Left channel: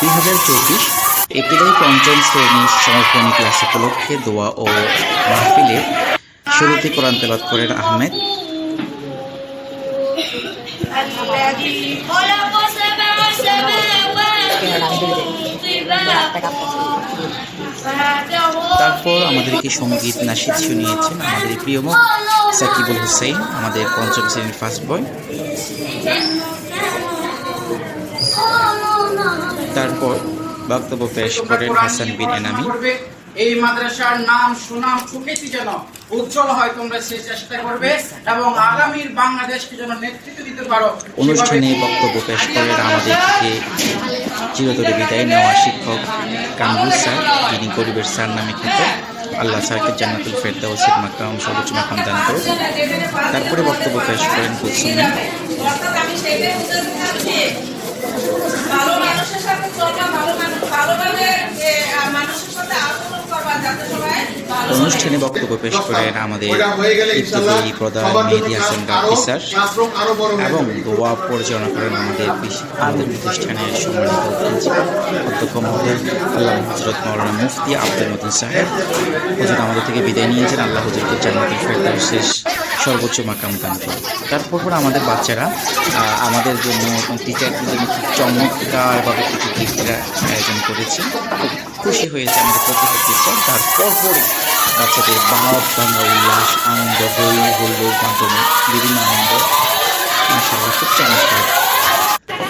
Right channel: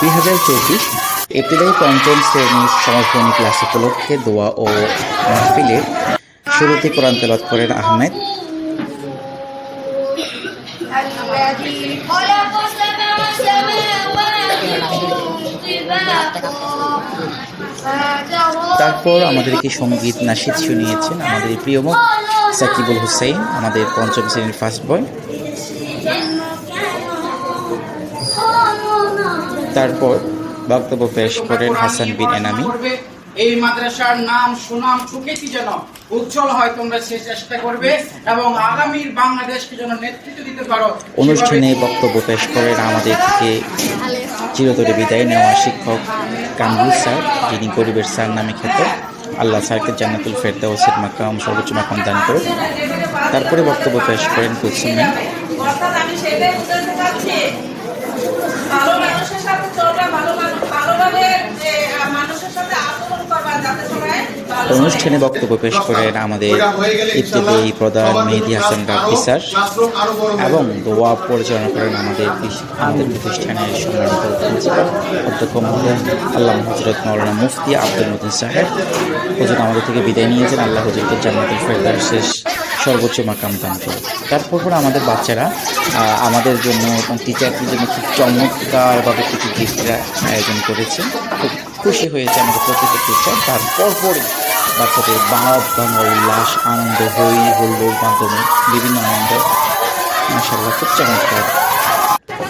দুই হাজার চব্বিশ এপ্রিলের পঞ্চম শ্রেণির সমাপনী ক্লাস উপলক্ষে দোয়া ও মাহফিলে শুরুতে কোরআন তেলাত করেন আহমেদ। তারপর আমাদেরকে সংগীত নাসিদ শুনিয়েছেন আমাদের প্রিয়মুখ সাকিবুল হুসাইন আমাদের পঞ্চম শ্রেণির ফার্স্ট বয় তারপর বক্তব্য পেশ করেন হাসান বিন এনামি। এই মাদ্রাসার নাম সুনাম সুখ্যাতি যেন উজ্জ্বল হয় তোমরা সে চেষ্টা করবে এবং আগামীর বাংলাদেশকে যেন নেতৃত্ব দিতে পারো অনুষ্ঠানে বক্তব্য পেশ করেন আমাদের থেকে চিরতরে বিদায় নেওয়া শিক্ষক কামরুল স্যার যিনি গরিবের স্যার নামে খ্যাত। আল্লাহ স্যারকে জান্নাতুল ফেরদাউসের মাকাম সর্বোচ্চ মাকাম দান করুন তারপরে বক্তব্য পেশ করেন কুলসুমি অনুষ্ঠানে বক্তব্য পেশ করেন আমাদের ইত্তেফাকি প্রধান মেহেদি হাসান স্যার এবং দোয়া পরিচালনা করেন আমাদের আমাদের প্রতিষ্ঠানের সম্মানিত প্রিন্সিপাল অধ্যক্ষ মহোদয় আল্লাহ হজরত মৌলানা মুফতি আব্দুল মতিন সাহেব। হুজুর আমাদের থেকে বিদায় নিয়েছেন। আল্লাহ হুজুরকে জান্নাতুল ফেরদাউস শেষ সর্বোচ্চ মাকাম দান করে। তারপর পর আমাদের বাচ্চারা আমাদের জন্য টিচারদের জন্য খুব চমৎকারভাবে কিছু গিফটের আয়োজন করেছে। খুব খুশি হয়েছে আমাদের প্রতিটা টিচার তারপর পরে বাচ্চাদের বাপ, ভাঙা উল্লাস, আনন্দ, হই হুল্লোর মাধ্যমে বিভিন্ন আনন্দ। মাসাল্লাহ খুব চমৎকার।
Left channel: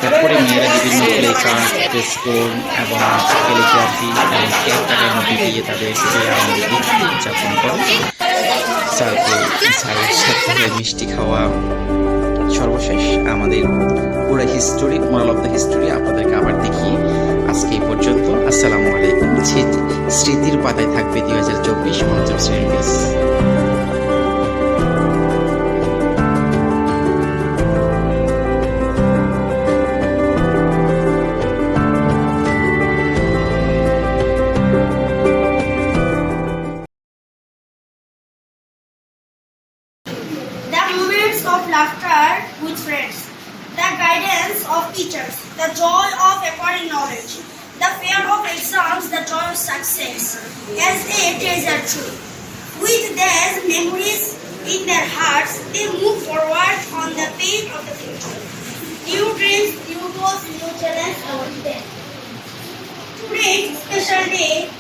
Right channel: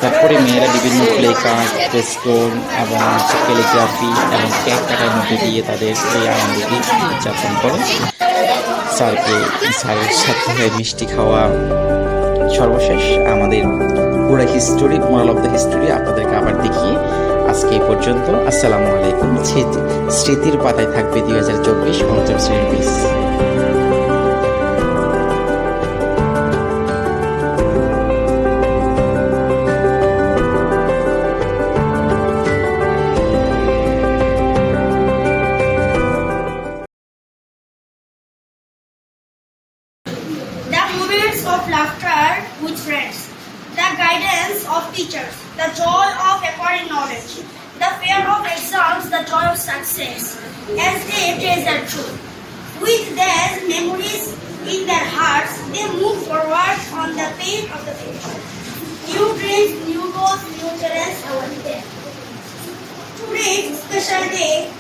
তারপরে মেয়েরা বিভিন্ন প্লে কার্ড পোস্টোন এবং কোরিওগ্রাফি এবং কাটার মধ্যে দিয়ে তাদের সেই আনন্দকে উদযাপন করে। স্যারকে স্যারের সাথে মিষ্টি খাওয়া সর্বশেষ আমাদের পুরো history moral of the history আপনাদেরকে আবার দেখিয়ে আজকে এই পর্যন্ত। আসসালামু আলাইকুম। স্মৃতির পাতায় থাকবে দুই হাজার চব্বিশ পঞ্চম শ্রেণি teachers, the joy of acquiring knowledge, the fear of exams, the joy of success, as a treasure true. With these memories in their hearts, they move forward on the path of the future. New dreams, new goals, new challenges await them. Today's special day